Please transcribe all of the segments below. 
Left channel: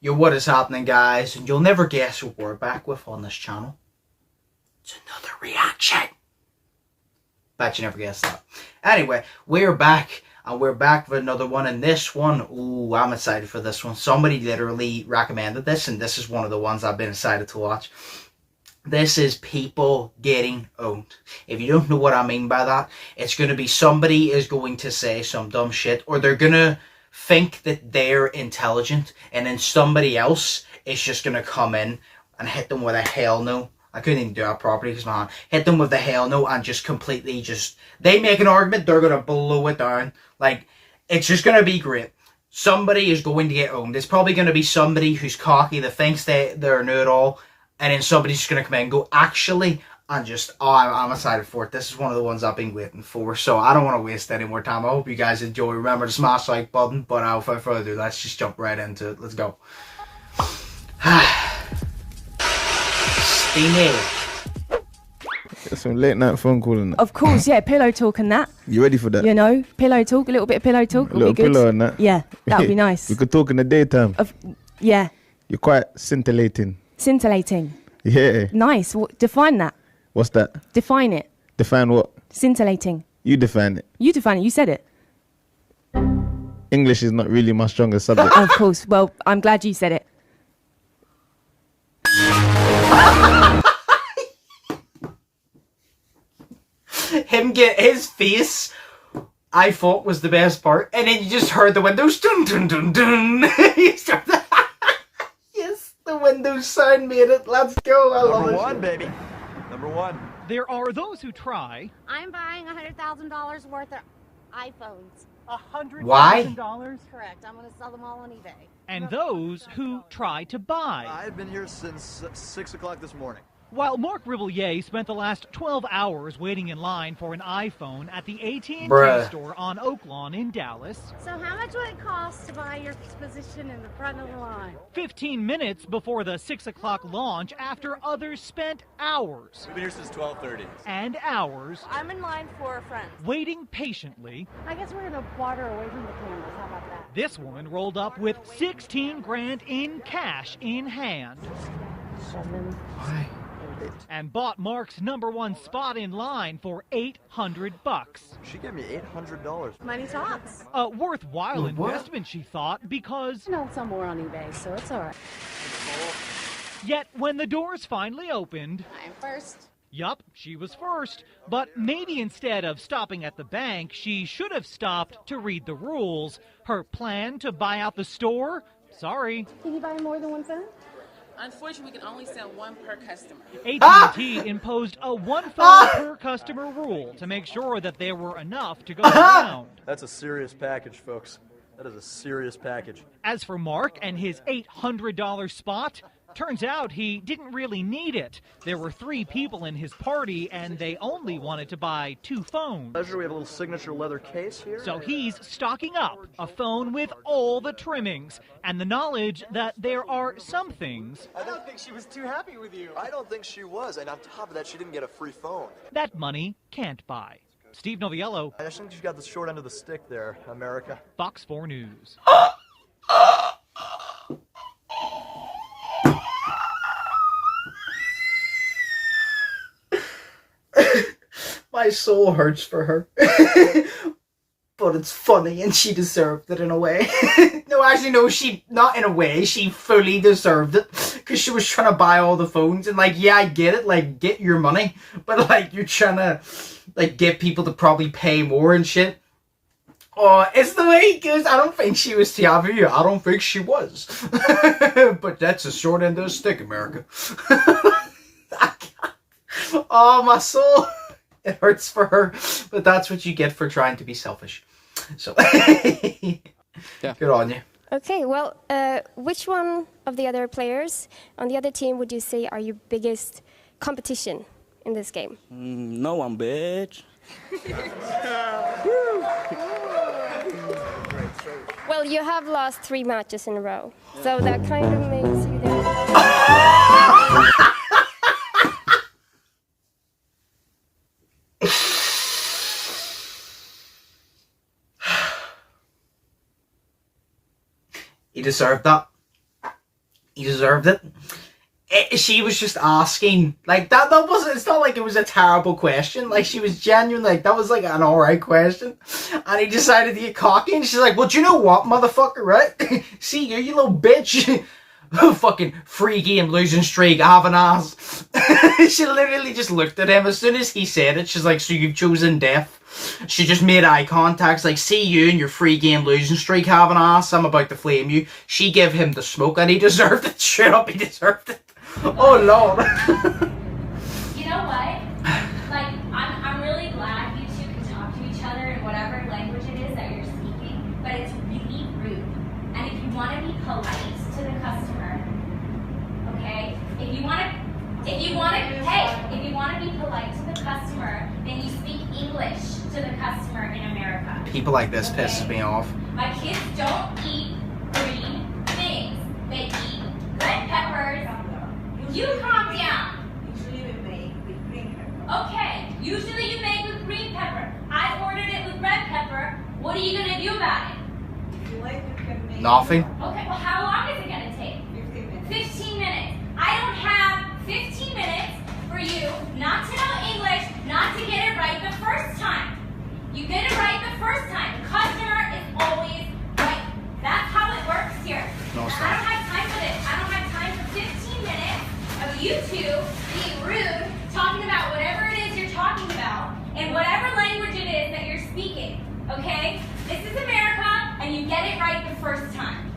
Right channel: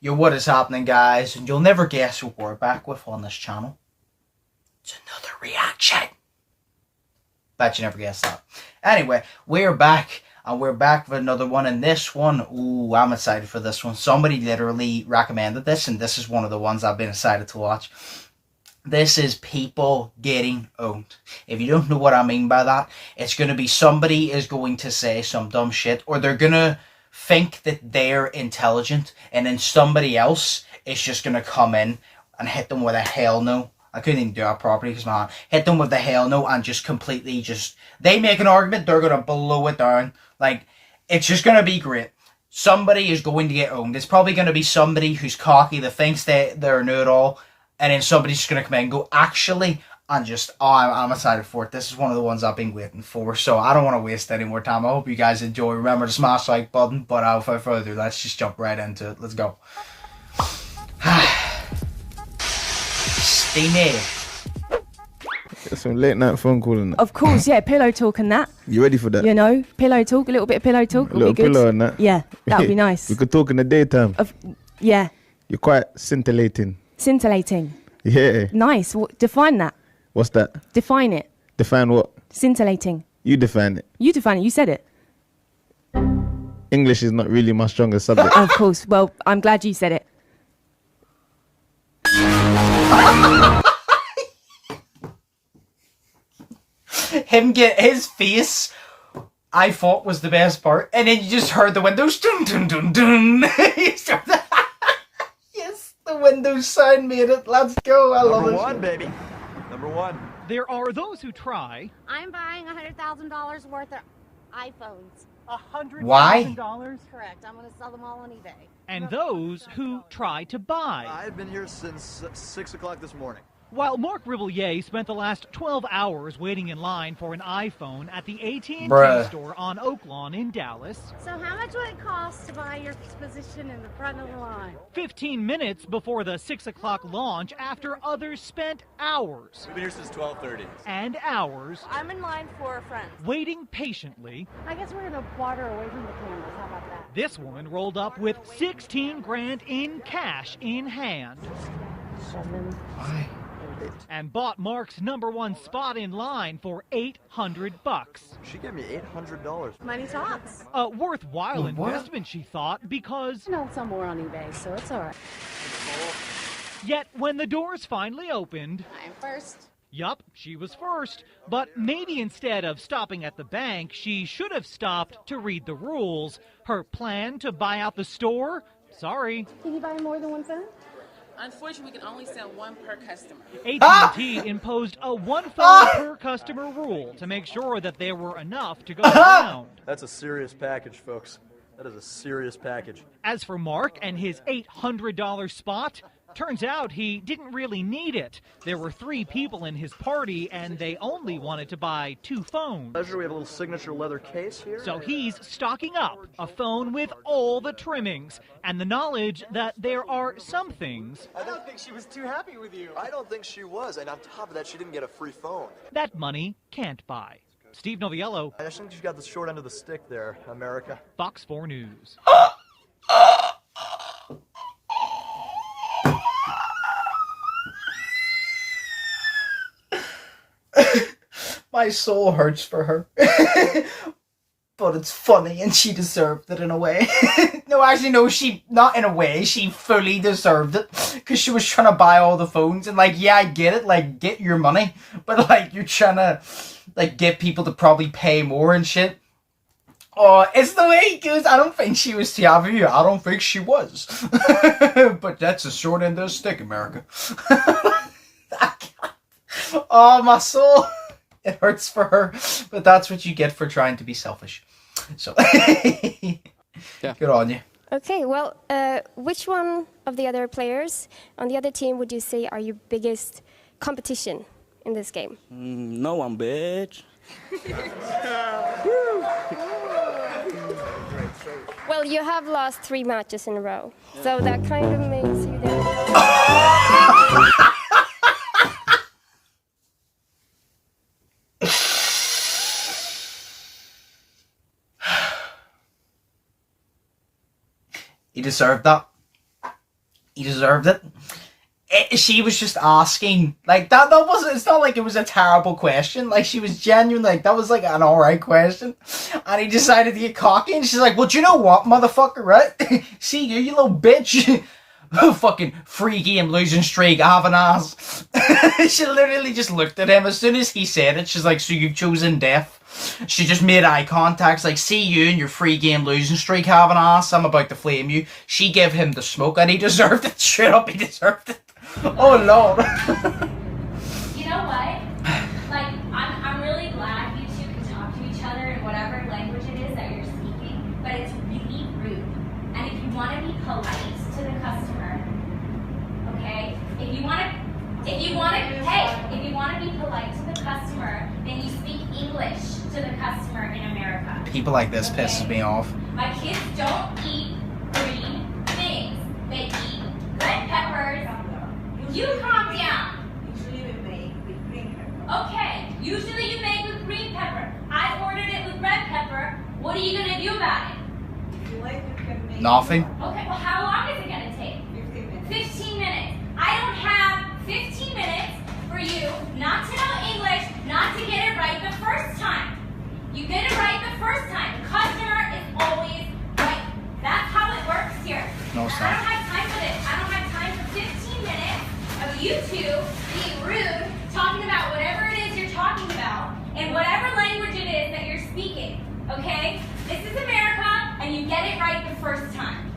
Yo, what is happening, guys? And you'll never guess what we're back with on this channel. It's another reaction. Bet you never guessed that. Anyway, we're back. And we're back with another one. And this one, ooh, I'm excited for this one. Somebody literally recommended this. And this is one of the ones I've been excited to watch. This is people getting owned. If you don't know what I mean by that, it's going to be somebody is going to say some dumb shit. Or they're going to think that they're intelligent, and then somebody else is just gonna come in and hit them with a hell no. I couldn't even do that properly because, man, hit them with a hell no and just completely they make an argument, they're gonna blow it down. Like, it's just gonna be great. Somebody is going to get owned. It's probably gonna be somebody who's cocky, that thinks they're a know-it-all, and then somebody's just gonna come in and go, actually, and just, I'm excited for it. This is one of the ones I've been waiting for. So I don't want to waste any more time. I hope you guys enjoy. Remember to smash the like button. But without further ado, let's just jump right into it. Let's go. Steamy. Get some late night phone calling. Of course, yeah, pillow talk and that. You ready for that? You know, pillow talk, a little bit of pillow talk. A little be good. pillow and that. Yeah, that would be nice. We could talk in the daytime. Yeah. You're quite scintillating. Scintillating. Yeah. Nice. Define that. What's that? Define it. Define what? Scintillating. You define it. You define it. You said it. English is not really my strongest subject. Of course. Well, I'm glad you said it. Him get his face, I thought was the best part, and then you just heard the windows dun dun dun dun. Yes, the Windows sound made it. Let's go. I love Number it. one, baby. Number one. There are those who try. I'm buying $100,000 worth of iPhones. $100,000. Why? Correct. I'm going to sell them all on eBay. And those who try to buy. I've been here since 6 o'clock this morning. While Mark Rivillier spent the last 12 hours waiting in line for an iPhone at the AT&T Bruh. store on Oak Lawn in Dallas, So how much would it cost to buy your position in the front of the line? 15 minutes before the 6 o'clock launch, after others spent hours We've been here since 12:30. and hours I'm in line for a friend. waiting patiently, I guess we're going to water away from the cameras. How about that? this woman rolled up with 16 grand in cash in hand and bought Mark's #1 spot in line for $800. She gave me $800. Money talks. A worthwhile What? investment, she thought, because I know some more on eBay, so it's all right. yet when the doors finally opened, I'm first. yup, she was first, but maybe instead of stopping at the bank, she should have stopped to read the rules. Her plan to buy out the store? Sorry. Can you buy more than one phone? Unfortunately, we can only sell one per customer. AT&T imposed a one phone per customer rule to make sure that there were enough to go around. That's a serious package, folks. That is a serious package. As for Mark and his $800 spot, turns out he didn't really need it. There were 3 people in his party and they only wanted to buy 2 phones. Pleasure, we have a little signature leather case here. So he's stocking up a phone with all the trimmings and the knowledge that there are some things I don't think she was too happy with you. I don't think she was, and on top of that, she didn't get a free phone. that money can't buy. Steve Noviello, I just think you got the short end of the stick there, America. Fox 4 News. My soul hurts for her. But it's funny and she deserved it in a way. No, actually, no, not in a way. She fully deserved it. Because she was trying to buy all the phones. And, like, yeah, I get it. Like, get your money. But, like, you're trying to, like, get people to probably pay more and shit. Oh, it's the way it goes. I don't think she was too happy. I don't think she was. But that's a short end of the stick, America. Oh, my soul. It hurts for her. But that's what you get for trying to be selfish. So, yeah. Good on you. Okay, well, which one of the other players on the other team would you say are your biggest competition in this game? No one, bitch. Well, you have lost 3 matches in a row, so that kind of makes you the... He deserved that. He deserved it. She was just asking, like, that wasn't, it's not like it was a terrible question. Like, she was genuine, like, that was like an alright question. And he decided to get cocky, and she's like, well, do you know what, motherfucker, right? See you little bitch. Fucking free game losing streak, have an ass. She literally just looked at him as soon as he said it. She's like, so you've chosen death. She just made eye contact, like, see you and your free game losing streak, have an ass. I'm about to flame you. She gave him the smoke, and he deserved it. Straight up, he deserved it. Oh Lord. You know what? Like, I'm really glad you two can talk to each other in whatever language it is that you're speaking, but it's really rude. And if you want to be polite to the customer, okay? If you want to be polite to the customer, then you speak English to the customer in America. People like this pisses me off. My kids don't eat green things. They eat red peppers. You calm down. Usually we make with green pepper. Okay, usually you make with green pepper. I ordered it with red pepper. What are you gonna do about it? If you like, we can make Nothing. Okay, well, how long is it gonna take? 15 minutes. 15 minutes. I don't have 15 minutes for you not to know English, not to get it right the first time. You get it right the first time. The customer is always right. That's how it works here. No, And I don't have time for this. I don't have time for 15 minutes of you two being rude, talking about whatever it is you're talking about, in whatever language it is that you're speaking, okay? This is America, and you get it right the first time.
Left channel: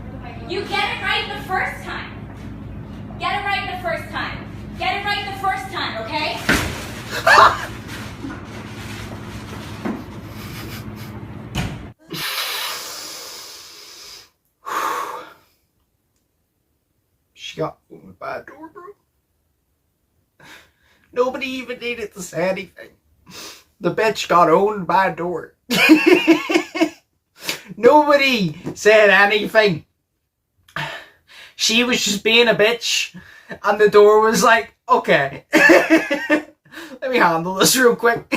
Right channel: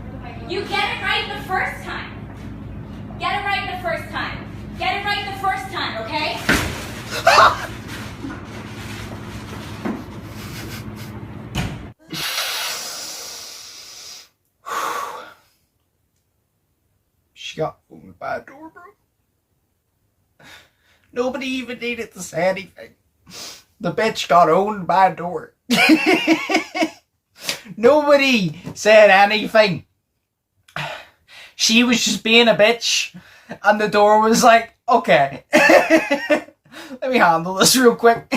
You get it right the first time. Get it right the first time. Get it right the first time, okay? She got owned by a door, bro. Nobody even needed to say anything. The bitch got owned by a door. Nobody said anything. She was just being a bitch. And the door was like, okay. Let me handle this real quick.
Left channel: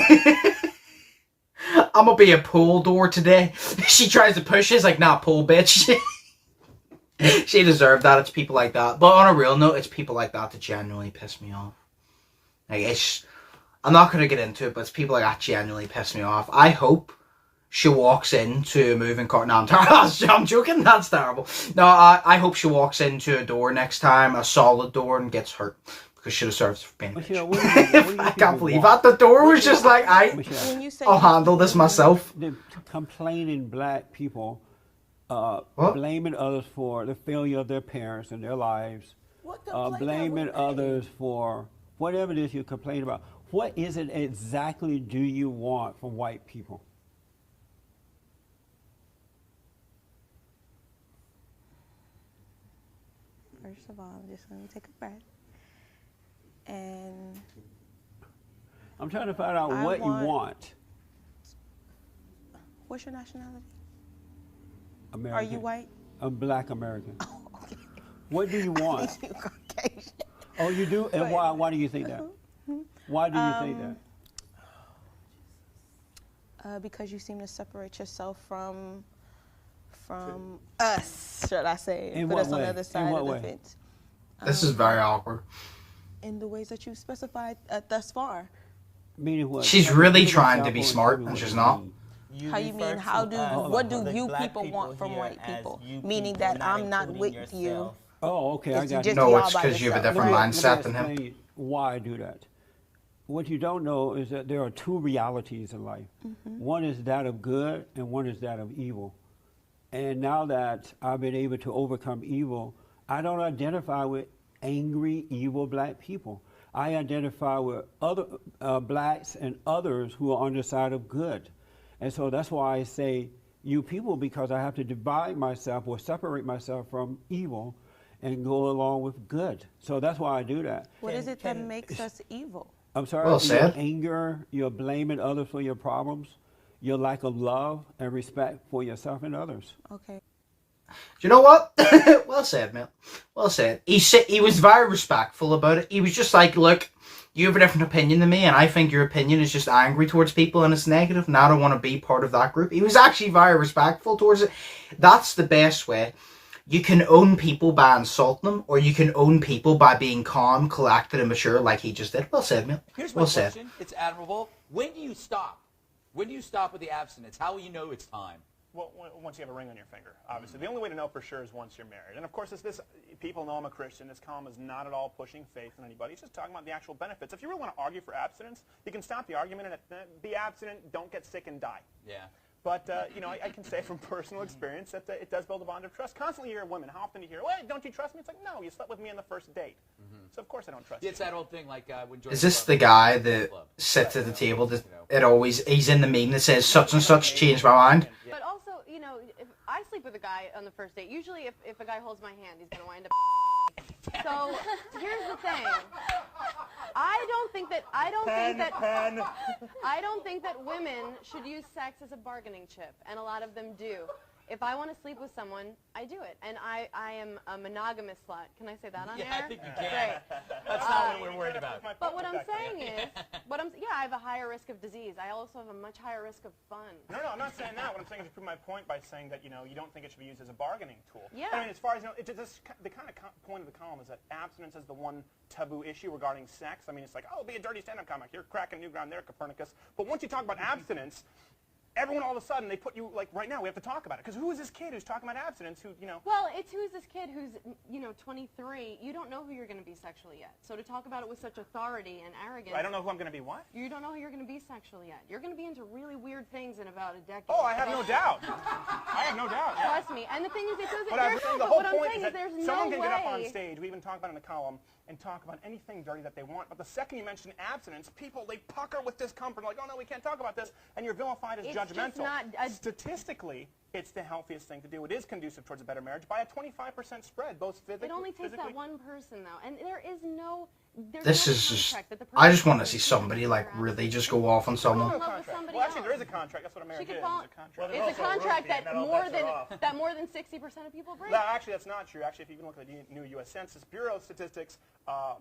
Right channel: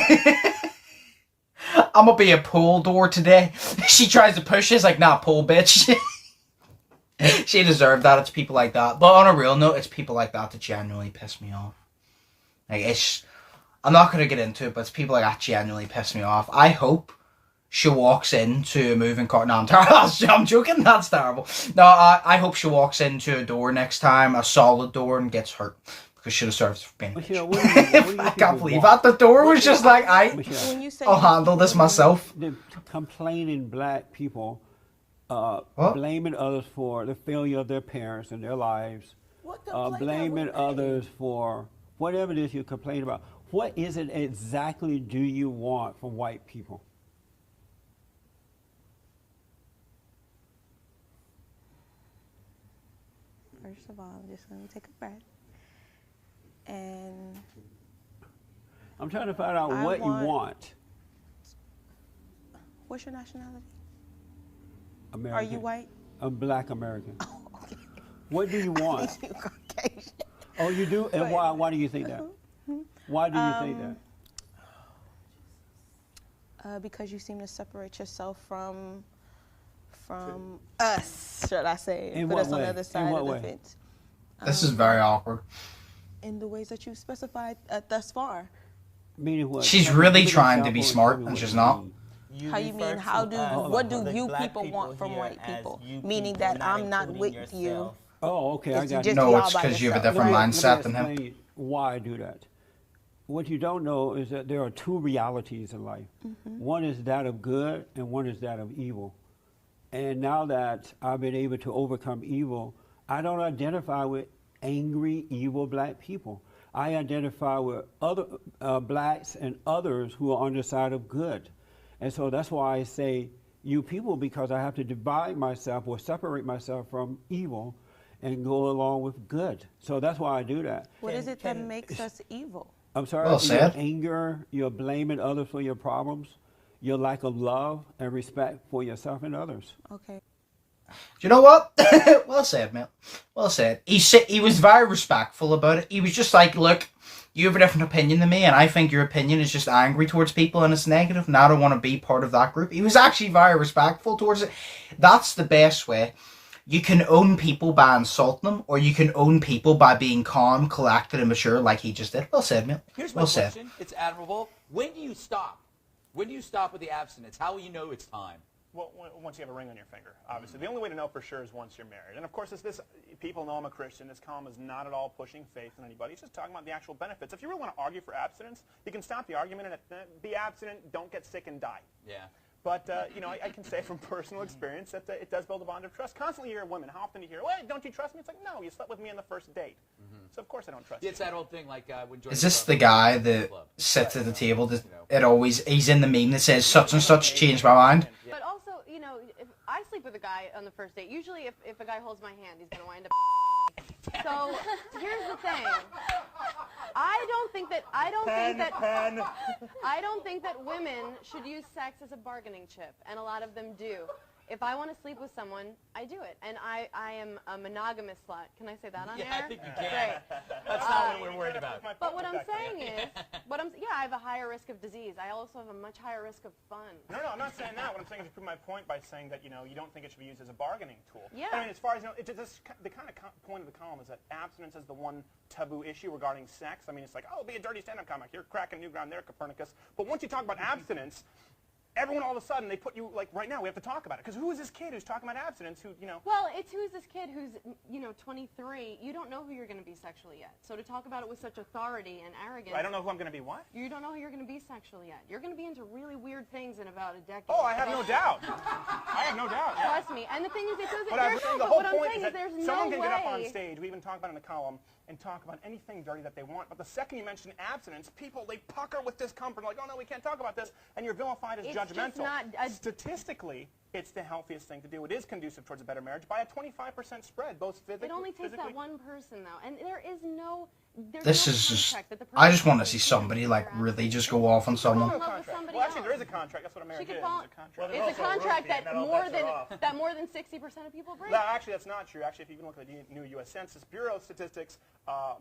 I'm gonna be a pull door today. She tries to push it. It's like, nah, pull, bitch. She deserved that. It's people like that. But on a real note, it's people like that that genuinely piss me off. Like, I'm not going to get into it, but it's people like that genuinely piss me off. I hope she walks into a moving car. No, I'm joking. That's terrible. No, I hope she walks into a door next time, a solid door, and gets hurt. Because she deserves being a bitch. I can't believe that. The door was just like, I'll handle this myself. The complaining black people blaming others for the failure of their parents and their lives, blaming others for whatever it is you complain about. What is it exactly do you want from white people? First of all, I'm just going to take a breath. And I'm trying to find out what you want. What's your nationality? American. Are you white? I'm black American. Oh, okay. What do you want? You Caucasian. Oh, you do? And why do you think that? Why do you think that? Because you seem to separate yourself from us, should I say? In put what us on way? the other side what of the way? fence. This is very awkward. In the ways that you've specified thus far. Meaning what? She's really trying to be smart, and she's not. How you mean? What do you people want from white people? Meaning that I'm not with you. Oh, okay, I got you. No, it's because you have a different mindset than him. Let me explain why I do that. What you don't know is that there are two realities in life. One is that of good, and one is that of evil. And now that I've been able to overcome evil, I don't identify with angry, evil black people. I identify with other blacks and others who are on the side of good. And so that's why I say you people, because I have to divide myself or separate myself from evil and go along with good. So that's why I do that. What is it that makes us evil? I'm sorry, well your anger, you're blaming others for your problems, your lack of love and respect for yourself and others. Okay. You know what? Well said, man. Well said. He was very respectful about it. He was just like, look, you have a different opinion than me, and I think your opinion is just angry towards people and it's negative, and I don't want to be part of that group. He was actually very respectful towards it. That's the best way You can own people by insulting them, or you can own people by being calm, collected, and mature like he just did. Well said, man. Here's my well said. question. It's admirable. When do you stop? When do you stop with the abstinence? How will you know it's time? Well, once you have a ring on your finger, obviously. The only way to know for sure is once you're married. And of course, people know I'm a Christian. This column is not at all pushing faith in anybody. It's just talking about the actual benefits. If you really want to argue for abstinence, you can stop the argument and be abstinent, don't get sick and die. Yeah. But, I can say from personal experience that it does build a bond of trust. Constantly you hear women, how often do you hear, well, don't you trust me? It's like, no, you slept with me on the first date. So of course I don't trust you. It's that old thing like when Is this the guy that sits at the table that he's in the meme that says such and such changed my mind? But also, if I sleep with a guy on the first date, usually if a guy holds my hand, he's going to wind up. So here's the thing. I don't think that women should use sex as a bargaining chip, and a lot of them do. If I want to sleep with someone, I do it, and I am a monogamous slut. Can I say that on air? Yeah, I think you can. Great. That's not what we're worried about. But what I'm saying is, I have a higher risk of disease. I also have a much higher risk of fun. No, I'm not saying that. What I'm saying is to prove my point by saying that, you don't think it should be used as a bargaining tool. Yeah. I mean, as far as, the kind of point of the column is that abstinence is the one taboo issue regarding sex. I mean, it's like, oh, be a dirty stand-up comic. You're cracking new ground there, Copernicus. But once you talk about abstinence, everyone all of a sudden, they put you, like, right now, we have to talk about it. Because who is this kid who's talking about abstinence who, Well, it's who's this kid who's, 23. You don't know who you're going to be sexually yet. So to talk about it with such authority and arrogance. I don't know who I'm going to be what? You don't know who you're going to be sexually yet. You're going to be into really weird things in about a decade. Oh, I have no doubt. I have no doubt. Yeah. Trust me. And the thing is, it doesn't, the whole point is that there's someone no can way. get up on stage, we even talk about it in the column, and talk about anything dirty that they want. But the second you mention abstinence, people, they pucker with discomfort, like, oh, no, we can't talk about this. And you're vilified as judgmental. Statistically, it's the healthiest thing to do. It is conducive towards a better marriage by a 25% spread, both physically. It only takes that one person, though. And there is no... This is just... I just want to see somebody, like, really just go off on someone. Well, actually, there is a contract. That's what a marriage is. It's a contract that more than 60% of people break. No, actually, that's not true. Actually, if you even look at the new U.S. Census Bureau statistics,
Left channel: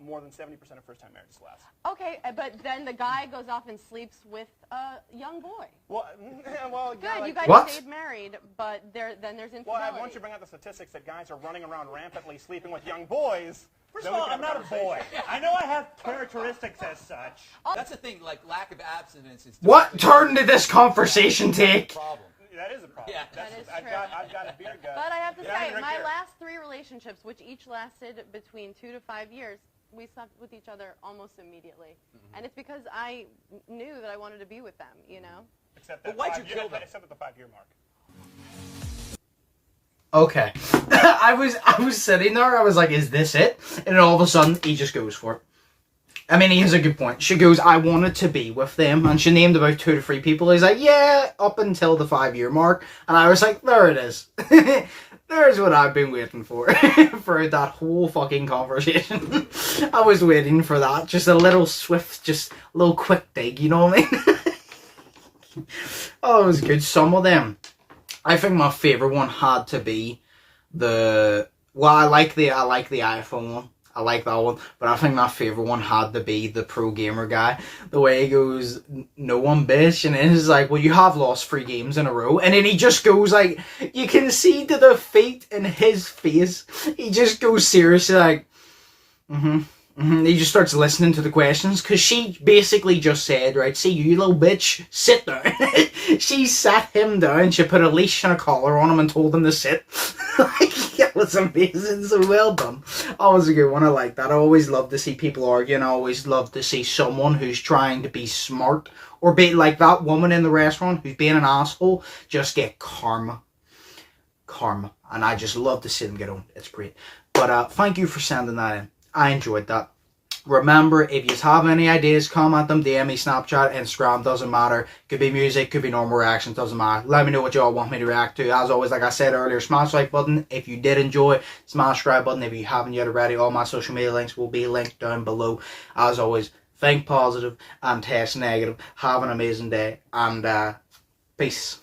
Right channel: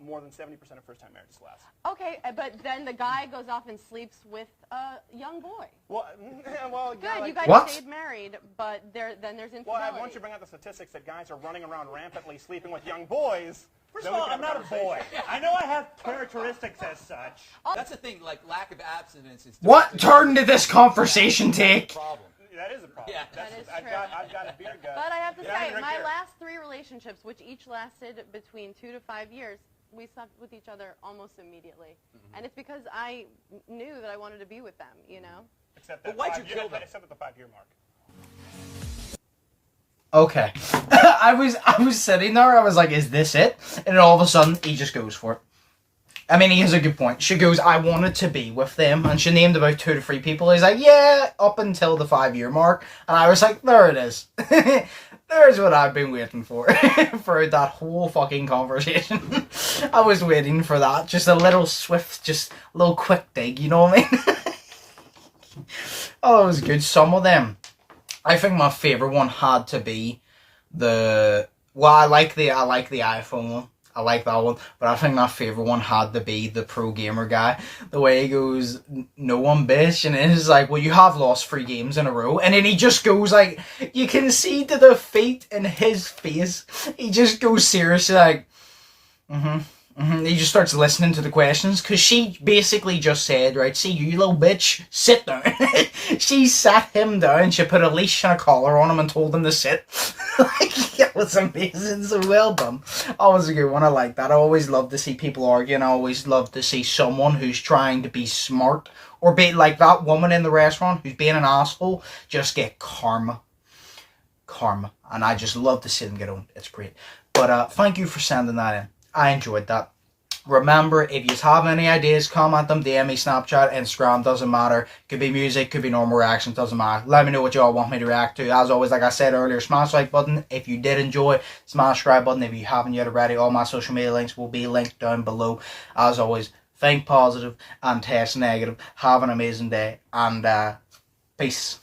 more than 70% of first-time marriages last. Okay, but then the guy goes off and sleeps with a young boy. Well, good. Yeah, you guys stayed married, but then there's infidelity. Well, once you bring out the statistics that guys are running around rampantly sleeping with young boys. First of all, I'm not a boy. I know I have characteristics as such. That's the thing, like lack of abstinence is... What turn did this conversation take? That is a problem. Yeah. That is true. I've got a beer gut. But I have to say, my last 3 relationships, which each lasted between 2 to 5 years, we slept with each other almost immediately. And it's because I knew that I wanted to be with them, Except that why'd you kill them? Except at the 5-year mark. Okay. I was sitting there, I was like, is this it? And then all of a sudden, he just goes for it. I mean, he has a good point. She goes, I wanted to be with them. And she named about 2 to 3 people. He's like, yeah, up until the 5-year mark. And I was like, there it is. There's what I've been waiting for. For that whole fucking conversation. I was waiting for that. Just a little swift, just a little quick dig, you know what I mean? Oh, it was good. Some of them. I think my favourite one had to be I like the iPhone one. I like that one. But I think my favourite one had to be the pro gamer guy. The way he goes, no one bitch. And it's like, well, you have lost 3 games in a row. And then he just goes like, you can see the defeat in his face. He just goes seriously like, He just starts listening to the questions, because she basically just said, right, see, you little bitch, sit down. She sat him down, she put a leash and a collar on him and told him to sit. Like, it was amazing, so well done. That was a good one, I like that. I always love to see people argue, and I always love to see someone who's trying to be smart, or be like that woman in the restaurant who's being an asshole, just get karma. And I just love to see them get on. It's great. But thank you for sending that in. I enjoyed that. Remember, if you have any ideas, comment them, DM me, Snapchat, Instagram, doesn't matter. Could be music, could be normal reaction, doesn't matter. Let me know what y'all want me to react to. As always, like I said earlier, smash the like button if you did enjoy. Smash the subscribe button if you haven't yet already. All my social media links will be linked down below. As always, think positive and test negative. Have an amazing day, and peace.